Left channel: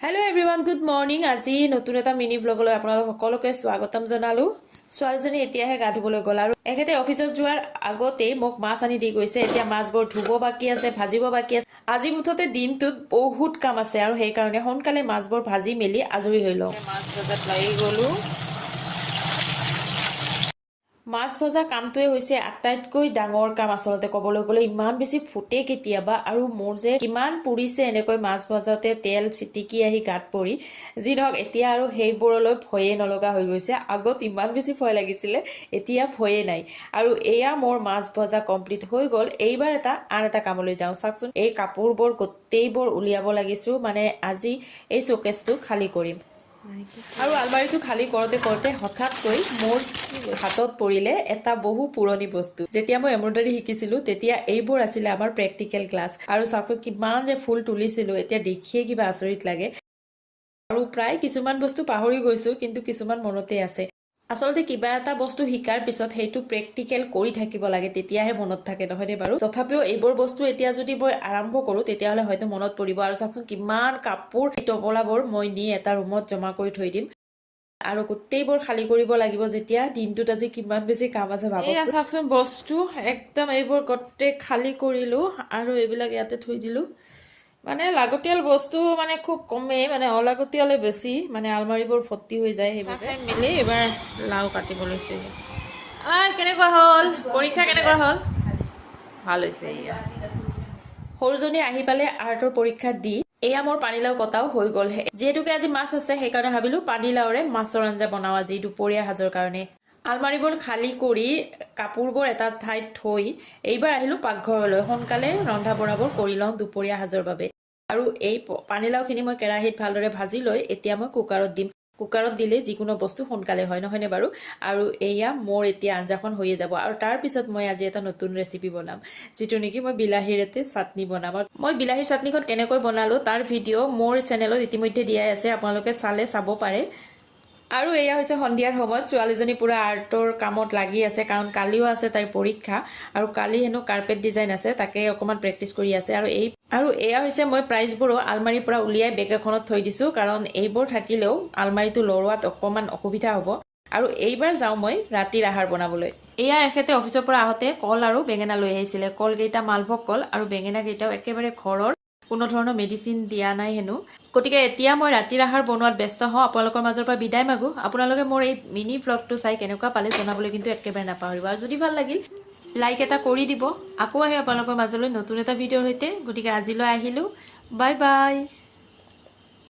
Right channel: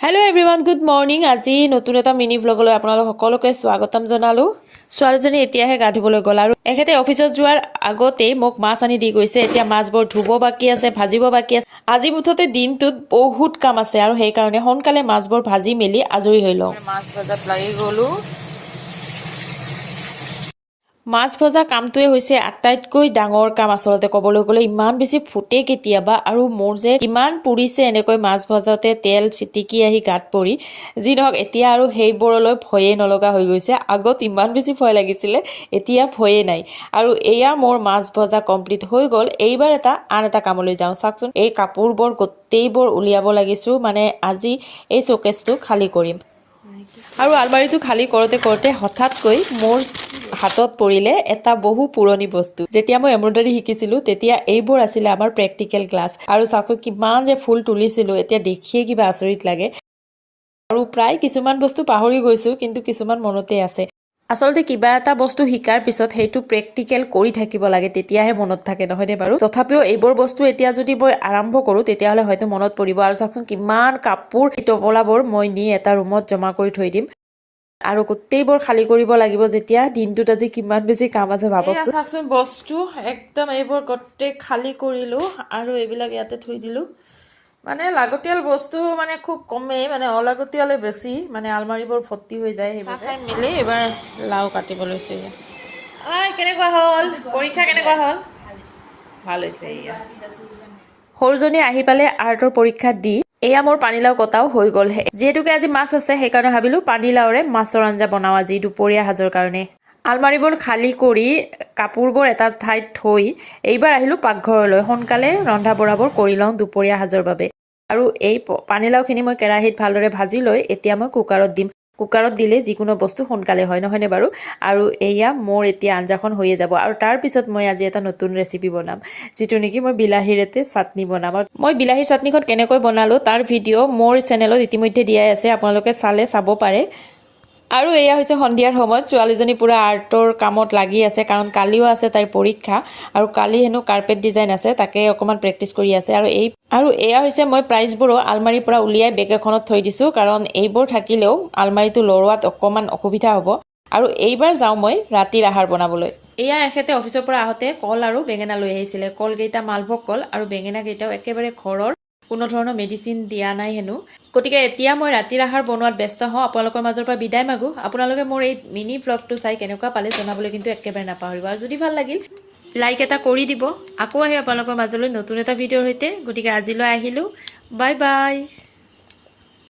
hello everyone good morning আজি নতুন এটা মিনি ব্লগলৈ আপোনালোক সকলোকে স্বাগতম জনালো ছোৱালীজনী এতিয়াহে গা ধুবলৈ গ'ল আৰু এখেতে অফিচত যোৱাৰ আগতেই মোক মাছ আনি দি গৈছে এতিয়া মাছবোৰ ধুব বাকি আছে ভাজিব বাকি আছে আজি মুঠতে দিনটোত বহুত কাম আছে আৰু সেই কাৰণে সোনকালে মাছবোৰ ভাজি মেলি আজৰি হৈ লওঁ মাছ ভাজাত লাগি গ'লো মাছ ভজা কামটোৱে হৈছে আটাইতকৈ ডাঙৰ কাম আসলতে ক'বলৈ গ'লে ইমান বেছি ফুটে কেতিয়াবা আৰু মোৰ যে কিমান পুৰিছে এনেকৈ মাছ ভজাতে তেল চিটিকি আহি গাত পৰি যি নহওক এতিয়া আৰু সেইবোৰলৈ ভয়ে নলগা হৈ গৈছে আগত ইমান বেছি ভয় লাগিছিলে এতিয়া ভয়ে নাই আৰু এয়া মোৰ মাছ ভজা কমপ্লিট হৈ গ'ল এইবাৰ আন এটা কামলৈ যাওঁ চাওকচোন এই কাপোৰবোৰ গোটেইবোৰ উলিয়াব লাগিছো মানে আজি এই শোকেছটো খালী কৰিম আৰু আলমাৰীটো খালী কৰোঁতে হঠাৎকৈ মোৰ হাতত পৰিলে এটা বহু পুৰণি বস্তু যেতিয়া মই এমব্ৰইডাৰী শিকিছিলোঁ তেতিয়া এইবোৰ আছিলে আমাৰ প্ৰেক্টিকেল ক্লাছ আৰু চাওকচোন কিমান যে ফুল তুলিছিলোঁ এতিয়া দেখিয়ে কিবা আচৰিত লাগে আৰু প্ৰায় কিছুমান বস্তু পাহৰি গৈছোঁ কিন্তু কিছুমান মনতে আছে আসলতে কিবা এটা বস্তু শিকাৰ পিছত সেইটো প্ৰেক্টিকেল কৰি থাকিব লাগে তেতিয়াহে মনত থাকে নহয়নে বাৰু তথাপিও এইবোৰ বস্তু এতিয়া যদি মই আৰম্ভ কৰোঁ তেতিয়াহ'লে হয়তো মনত পৰিব আৰু চাওকচোন কিমান কাপোৰ এই টপলাবোৰ মই নি এটা ৰুমত জমা কৰি থৈ দিম আৰু গোটেইবোৰ খালী কৰিব লাগিব যেতিয়া দিনটোত আজি কিমান বেছি কাম আছে ভাবকচোন চাওকচোন বস্তু একদম এইবোৰ গোটেই খালী কৰিলোঁ আৰু এইবিলাক ইয়াতে থৈ দিলোঁ মানে লাগতিয়াল বস্তু মানে খুব কমেই মানে অলাগতিয়ালে বেছি মানে আলমাৰীবোৰ ভৰ্তি হৈ যায় সেইবোৰ খাই মেলি এবাৰ লাও কাটিব লৈছোঁ কেনেকুৱা হ'ল পৰীক্ষা কেনেকুৱা হ'ল ভাল হৈছে এয়া সৰুজনী আহি পালে আৰ্টৰ পৰীক্ষা দি এয়া মোৰ পানীলাও কটাও হৈ গ'ল যিহেতুকে আজি মাছ আছে সেইকাৰণে ভাবিলোঁ পানীলাওৰে মাছৰ আঞ্জা বনাওঁ আজি দুপৰীয়া সাজৰ কাৰণে আলমাৰীবোৰ খালী কৰি কাপোৰবোৰ এটা ঠাইত থৈ এইবাৰ আহিলোঁ পাকঘৰলৈ সোনকালে ৰন্ধা বঢ়াবোৰ কৰি লওঁ দুপৰীয়া সাজৰ বাবে আৰু এই পানীলাওখিনি মই কেৰাহীত ভালদৰে ভাজি লৈ এতিয়া মই কুকাৰত দিম কুকাৰত দিলে যিকোনো বস্তু সোনকালে হয় নহয়নে বাৰু আৰু এয়া মোৰ এতিয়া আঞ্জাখন হৈয়ে যাব আৰু তাৰপিছত মই আজি এটা নতুন ৰেচিপি বনাম যিটো নেকি মই বিলাহীৰেতে চাটনি বনাম আৰু মই বিলাহীৰ চাটনিখন কেনেকৈ বনালোঁ তাৰ ভিডিঅ' মোৰ চেনেলত ইতিমধ্যে দিয়াই আছে আপোনালোকে চালে চাব পাৰে আৰু এয়া হৈছে সন্ধিয়াৰ সময়ত ছোৱালীজনী পুৰা আৰ্টৰ কামত লাগি আছে কাৰণ কালিও আছে তাইৰ পৰীক্ষা আৰু কালি হেনো কাৰ্পেট ডিজাইন আছে তাকে অকণমান প্ৰেক্টিচ কৰি আছে আৰু এয়া হৈছে মই প্ৰাইজবোৰো আলমাৰীৰ পৰা উলিয়াই বেগ এখনত থৈ দিছোঁ কাৰণ এইবোৰ থাকিলেও আলমাৰীটো লৰোৱাত অকণমান অসুবিধা হ'ব আৰু এইবাৰ যাওঁ মই ৰাতিৰ আহাৰ বনাবলৈ এয়া এখেতে অফিচৰ পৰা আহোঁতে কল আৰু বেঙেনা লৈ আহিছিলে কলকেইটা মালভোগ কল আৰু বেঙেনাকেইটাও একেবাৰে ঘৰৰ কোনো ধৰণৰ মেডিচিন দিয়া নাই হেনো গতিকে এতিয়া মই ৰাতিৰ আহাৰ বনোৱাত ব্যস্ত হওঁ আপোনালোকৰ মাজৰ পৰা বিদায় মাগোঁ আপোনালোকে মোৰ এই মিনি ব্লগটো চাই কেনেকুৱা পালে জনাবলৈ কিন্তু একেবাৰে নাপাহৰিব আৰু যদি ভাল লাগিল লাইক এটা কৰি দিব আকৌ আহি আপোনালোকৰ মাজলৈ নতুন এটা ভিডিঅ'ৰ সৈতে গতিকে আজিলৈ আহিলোঁ বাই বাই